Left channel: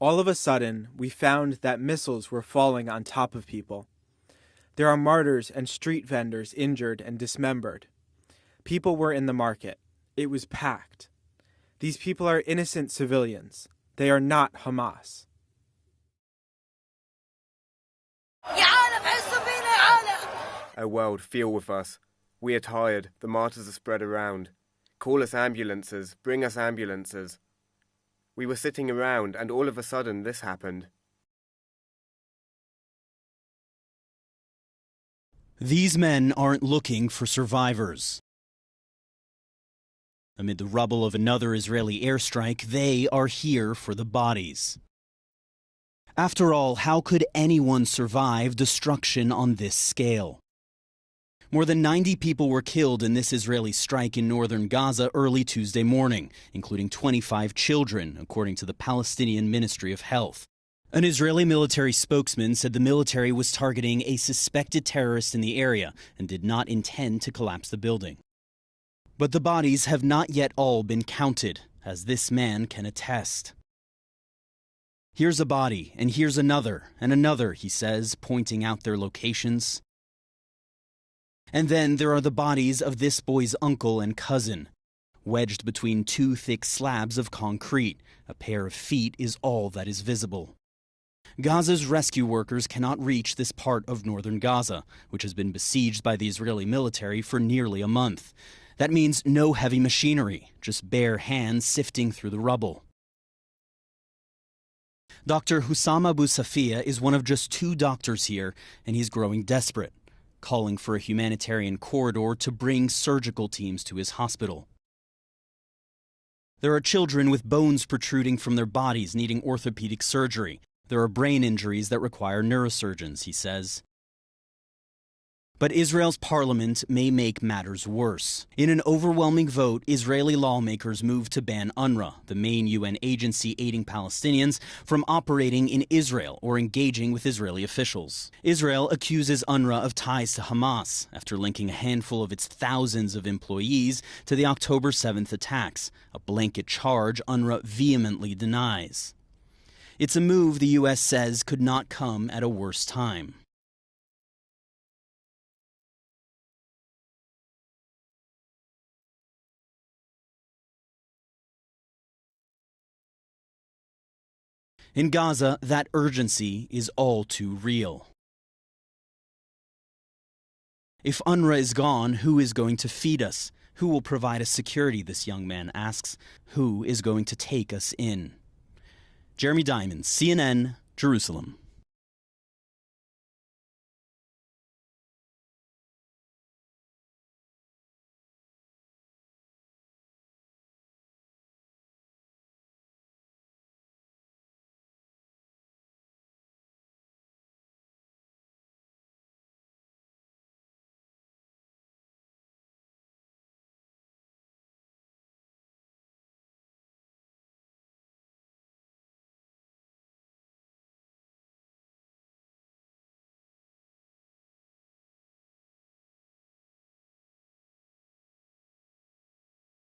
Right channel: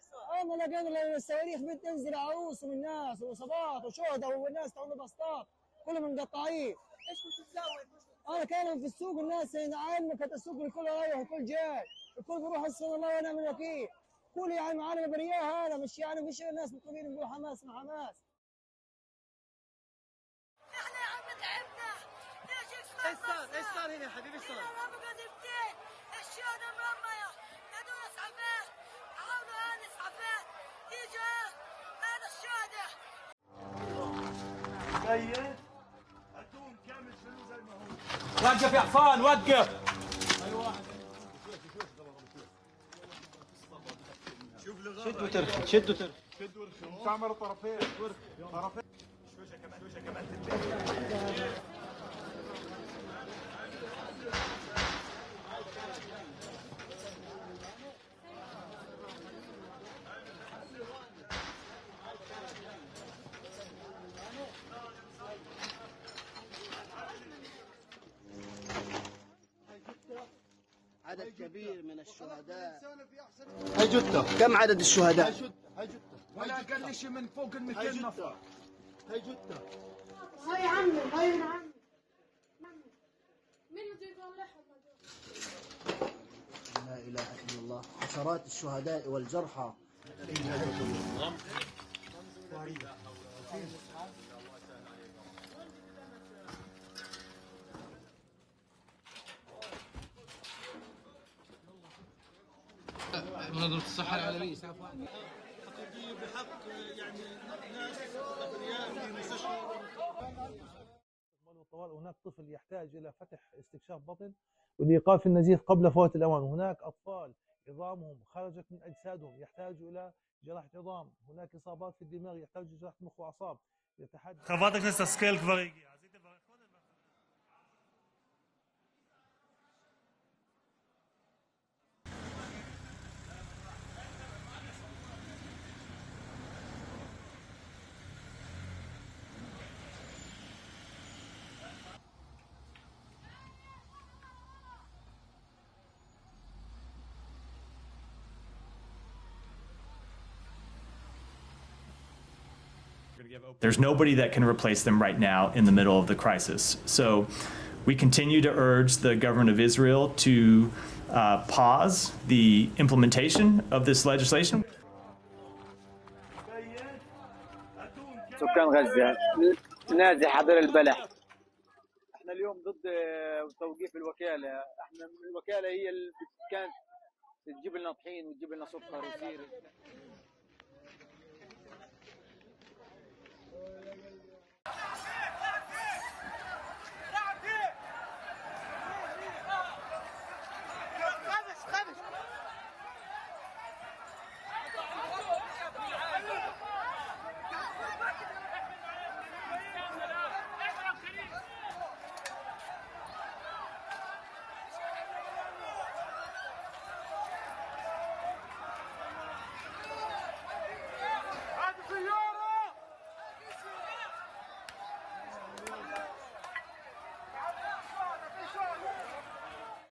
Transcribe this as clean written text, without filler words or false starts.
All of a sudden, we found that missiles were falling on top of people. There are martyrs and street vendors injured and dismembered. People were in the market. It was packed. These people are innocent civilians. They are not Hamas. Our world, feel with us. We are tired. The martyrs are spread around. Call us ambulances. Bring us ambulances. We were sitting around, and all of a sudden, this happened. These men aren't looking for survivors. Amid the rubble of another Israeli airstrike, they are here for the bodies. After all, how could anyone survive destruction on this scale? More than 90 people were killed in this Israeli strike in northern Gaza early Tuesday morning, including 25 children, according to the Palestinian Ministry of Health. An Israeli military spokesman said the military was targeting a suspected terrorist in the area and did not intend to collapse the building. But the bodies have not yet all been counted, as this man can attest. Here's a body, and here's another, and another, he says, pointing out their locations. And then there are the bodies of this boy's uncle and cousin, wedged between two thick slabs of concrete. A pair of feet is all that is visible. Gaza's rescue workers cannot reach this part of northern Gaza, which has been besieged by the Israeli military for nearly a month. That means no heavy machinery, just bare hands sifting through the rubble. Dr. Hussam Abu Safiya is one of just 2 doctors here, and he's growing desperate, calling for a humanitarian corridor to bring surgical teams to his hospital. There are children with bones protruding from their bodies needing orthopedic surgery. There are brain injuries that require neurosurgeons, he says. But Israel's parliament may make matters worse. In an overwhelming vote, Israeli lawmakers moved to ban UNRWA, the main UN agency aiding Palestinians, from operating in Israel or engaging with Israeli officials. Israel accuses UNRWA of ties to Hamas after linking a handful of its thousands of employees to the October 7th attacks, a blanket charge UNRWA vehemently denies. It's a move the U.S. says could not come at a worse time. There's nobody that can replace them right now in the middle of the crisis. So we continue to urge the government of Israel to pause the implementation of this legislation. In Gaza, that urgency is all too real. If UNRWA is gone, who is going to feed us? Who will provide us security, this young man asks. Who is going to take us in? Jeremy Diamond, CNN, Jerusalem.